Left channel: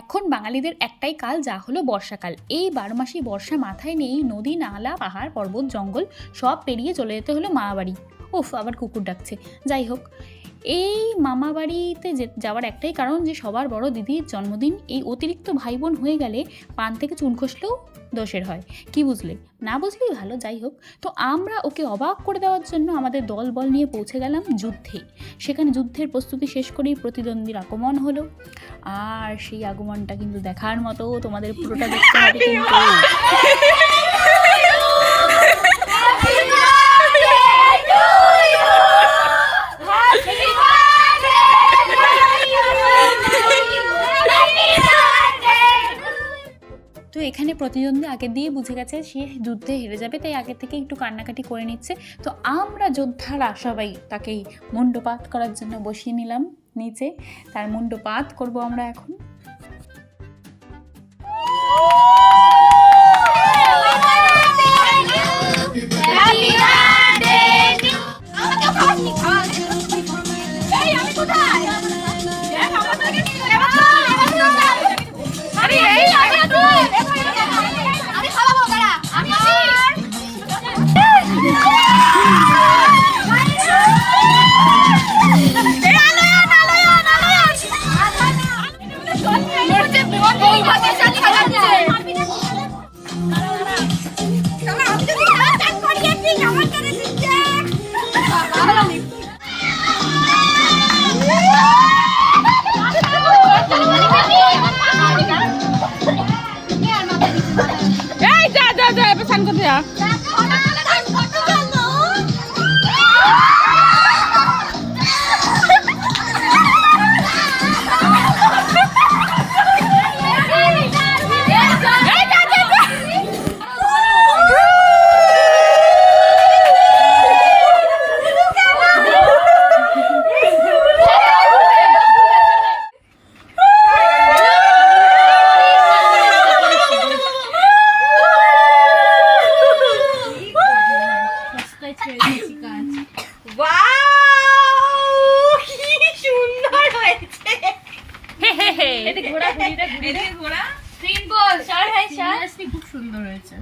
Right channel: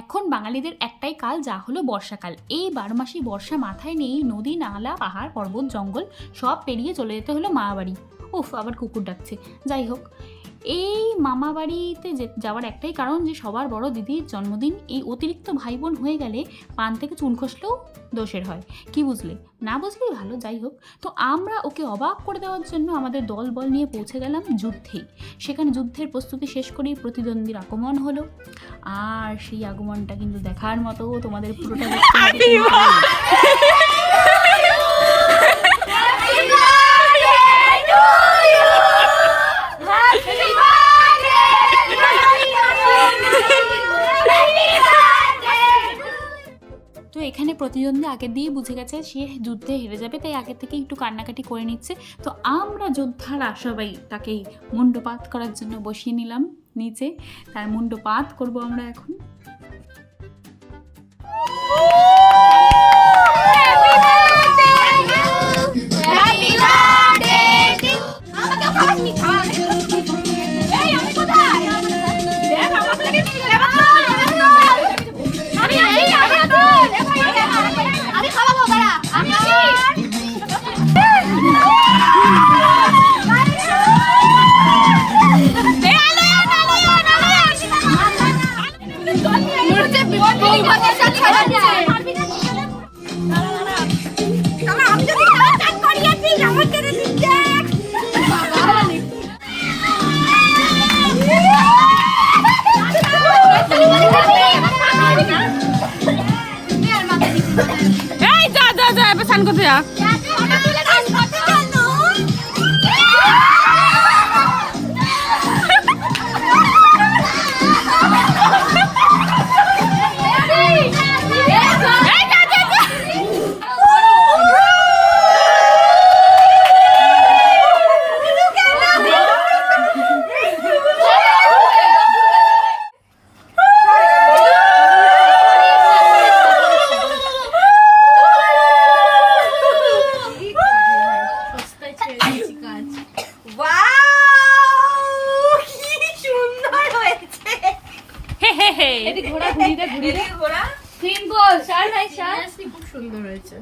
এখন বাঙালিদের একটাই কাল, যা হলো বর্ষাকাল। এই 12 মাসি বর্ষা মাথায় নিয়েই নদী, নালা, পাহাড়, পর্বত, জঙ্গল সব পেরিয়ে চলে যেতে হলো মামাবাড়ি। উফ, আবার কুকুর ডাকছে। যাই হোক, এই মামাবাড়িতে যাওয়ার একটাই কারণ যে সবার বড় দিদির জন্মদিন। এই অতিরিক্ত ভাই বোন হয়ে গেলে পান থেকে চুন খসলেও দোষের হয়। কি বুঝলে? না বুঝলেই ভালো। যাই হোক, তো আমরা ওকে অবাক করে দেওয়ার জন্য আমাদের দল বল নিয়ে পৌঁছে গেলাম যুদ্ধে। সেখানে যুদ্ধের প্রস্তুতি শেষ করেই প্রতিদ্বন্দ্বীর আগমন হলো। আর সেই আগমনটা কিন্তু দেখার মতো, তোমাদের পুরোটা দেখতে হবে কিন্তু। তো এখানে প্রতিদ্বন্দ্বী আগের দিয়ে বুঝে গেছে সে যুদ্ধে হেরে যাবে, তাই আগে থেকে একটু কান্নাকাটি করে নিচ্ছে। তো আমরা যোদ্ধারা সবাই তাকেই মুন্ডপাত করার জন্য বসিয়ে নিলাম নিচে। তার মুন্ডপাত করব আমরা এখন। ঘোড়া ঘুরিয়ে ঘোড়া খুব সুন্দর হয়েছে।